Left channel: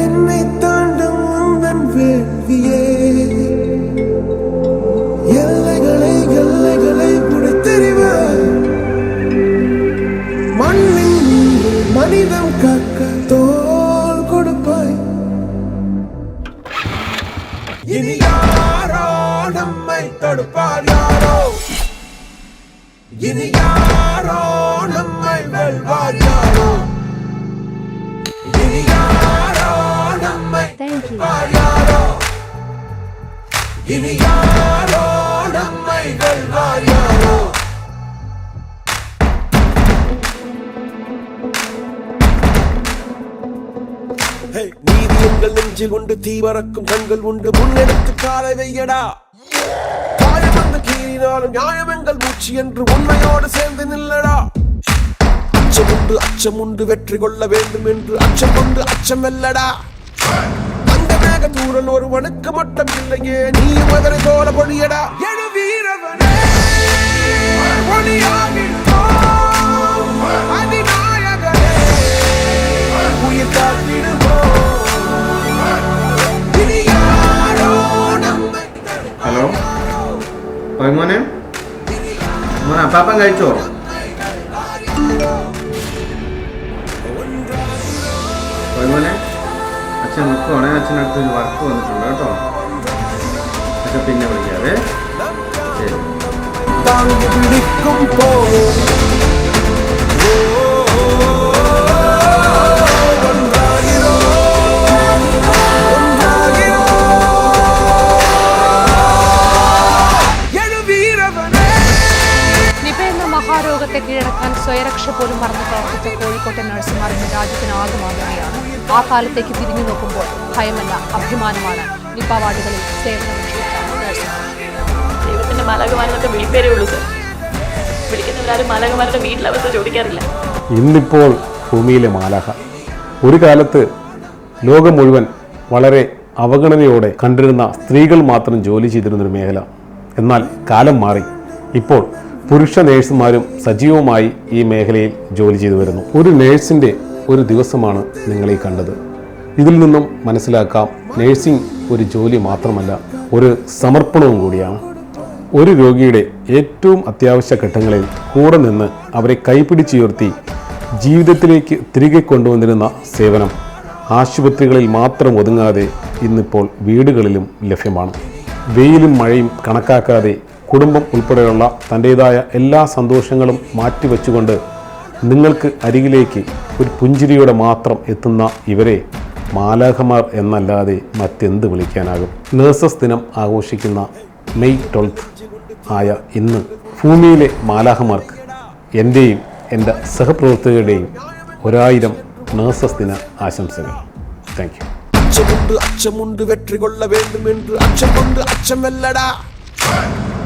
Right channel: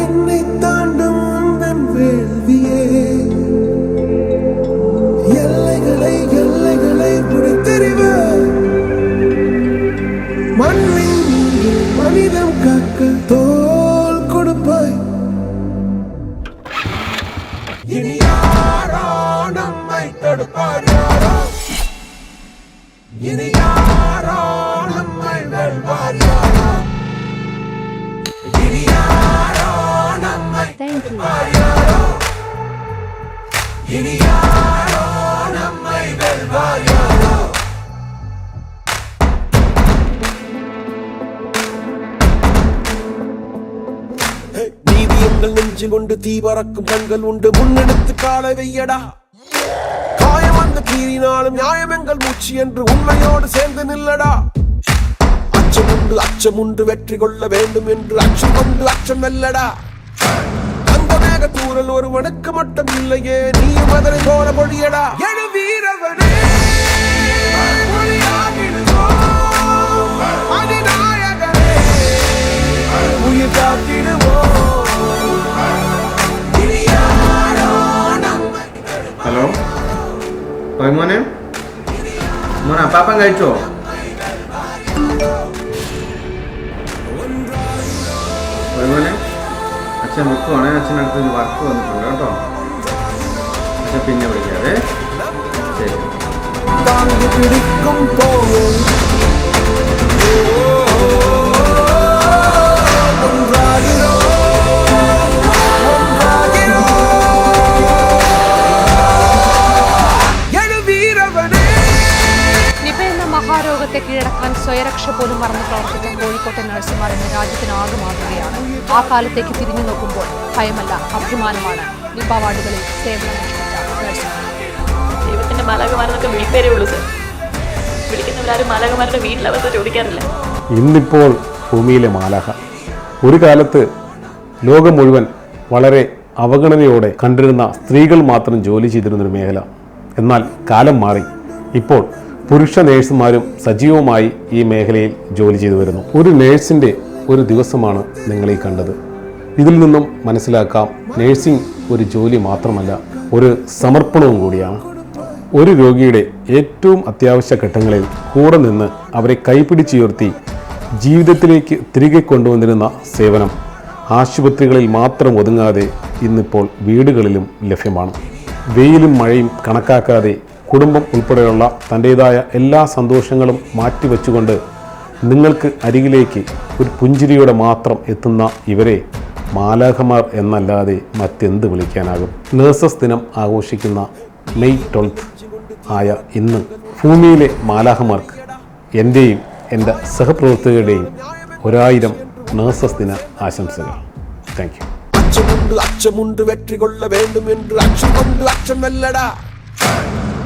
என்னை தாண்டும் உந்தன் வேள்வியே எல்லைகளை புடைத்தெறிவார் மண்ணில் மனிதம் கக்க தோல் கொடுப்பாய். இனி யாரோ நம்மை தடுப்பார் யாரோ, இனி யாரோ நம்மை வெல்வார் யாரோ, இனி யாரோ நம்மை Thank you. இனி யாரோ நம்மை வெல்வார் யாரோ. நீதி எங்கள் நெஞ்சில் உண்டு, தீவரக்கும் கண்கள் உண்டு, முன்னெடுத்து காலை வையடா. காயம் வந்து கீறினாலும் நியாயம் எங்கள் மூச்சு என்று உண்மையோடு சேர்ந்து நில்லடா. அச்சம் உண்டு வெற்றி கொள்ள வேண்டும் என்று அச்சம் கொண்டு அச்சம் வெல்லடா. அந்த மேக தூரல் ஒருவனுக்கு மட்டும் இல்லையே, நீ மகன் தோழ மொழியடா. வீரவனே அதிநாயகனே உயிர் காத்திடுவோம். ഹലോ മോനെ മോനെ അപ്പാപ്പൻ കഴിച്ചോ? മോനെ അച്ഛൻ വെക്കുവാണേ, അച്ഛനടുത്ത് ഒരു വർക്ക് വന്നിട്ടുണ്ട് കേട്ടോ. അച്ഛൻ പിന്നെ വിളിക്കാവേ. ശരി. താങ്ങി പിടിക്കും പോവും നിപ എന്ന മഹാരോഗത്തെ കീഴടക്കാൻ സ്വയരക്ഷ പോലും മറന്ന് പ്രവർത്തിച്ച കോഴിക്കോട്ടെ നഴ്സുമാർ ഇന്ന് രാജ്യത്തിനാകെ മാതൃകയാണ്. ആ കാലത്തേക്ക് തിരിഞ്ഞു നോക്കുമ്പോൾ ഭയമല്ല, അഭിമാനമാണ് നിപ വാർഡുകളിൽ സേവനമനുഷ്ഠിച്ച നഴ്സുമാർ. ദൈവത്തിന്റെ മാലാഖമാരെന്നൊക്കെ വിളിപ്പേരേ ഉള്ളൂ സർ. വിളിക്കുന്നവരാരും മാലാഖമാരുടെ വീട്ടിലവസ്ഥ ചോദിക്കാറില്ല. ഇന്നിപ്പോൾ ഭൂമിയിലെ മാലാഖ ഒരു കാലത്ത് ലോകം മുഴുവൻ വളരെ അവഗണനയോടെ കണ്ടിരുന്ന സ്ത്രീകൾ മാത്രം ജോലി ചെയ്തിരുന്നൊരു മേഖല. എന്നാൽ കാലം മാറി. ഇപ്പോൾ പുരുഷ നേഴ്സുമാരും സജീവമായി ഈ മേഖലയിൽ ജോലി ചെയ്തു വരുന്നു. ഒരു നേഴ്സിൻ്റെ ഒരു ദിവസമാണ് നിങ്ങൾ ഈ കണ്ടത്. ഇതിൽ നിന്നും മനസ്സിലാക്കാം, നേഴ്സിംഗ് ഒരു ജോലി മാത്രമല്ല, ഒരു സമർപ്പണവും കൂടിയാണ്. ഒരു രോഗിയുടെ ഏറ്റവും അത്യാവശ്യ ഘട്ടങ്ങളിൽ കൂടെ നിന്ന് അവരെ കൈപിടിച്ചുയർത്തി ജീവിതത്തിലേക്ക് തിരികെ കൊണ്ടുവന്നിരുന്ന സേവനം ആശുപത്രികളിൽ മാത്രം ഒതുങ്ങാതെ ഇന്നിപ്പോൾ വീടുകളിലും ലഭ്യമാണ്. വെയിലും മഴയും കണക്കാക്കാതെ കുടുംബം ഉൾപ്പെടെയുള്ള തൻ്റേതായ എല്ലാ സന്തോഷങ്ങളും മാറ്റിവെച്ചുകൊണ്ട് നിങ്ങൾക്ക് അരികിലേക്ക് ഒരു പുഞ്ചിരിയോടെ മാത്രം എത്തുന്ന ഇവരെ മാലാഖമാർ എന്നല്ലാതെ മറ്റെന്ത് വിളിക്കാനാകും? നഴ്സസ് ദിനം ആഘോഷിക്കുന്ന മെയ് 12 ആയ ഇന്ന് ഭൂമിയിലെ മാലാഖമാർക്ക് എൻ്റെയും എൻ്റെ സഹപ്രവർത്തകരുടെയും 1000 നഴ്സസ് ദിന ആശംസകൾ. Thank you. അച്ചമുണ്ട് വെற்றி கொள்ள வேண்டும் என்று அச்சம் கொண்டு அச்சம் வெல்லடா.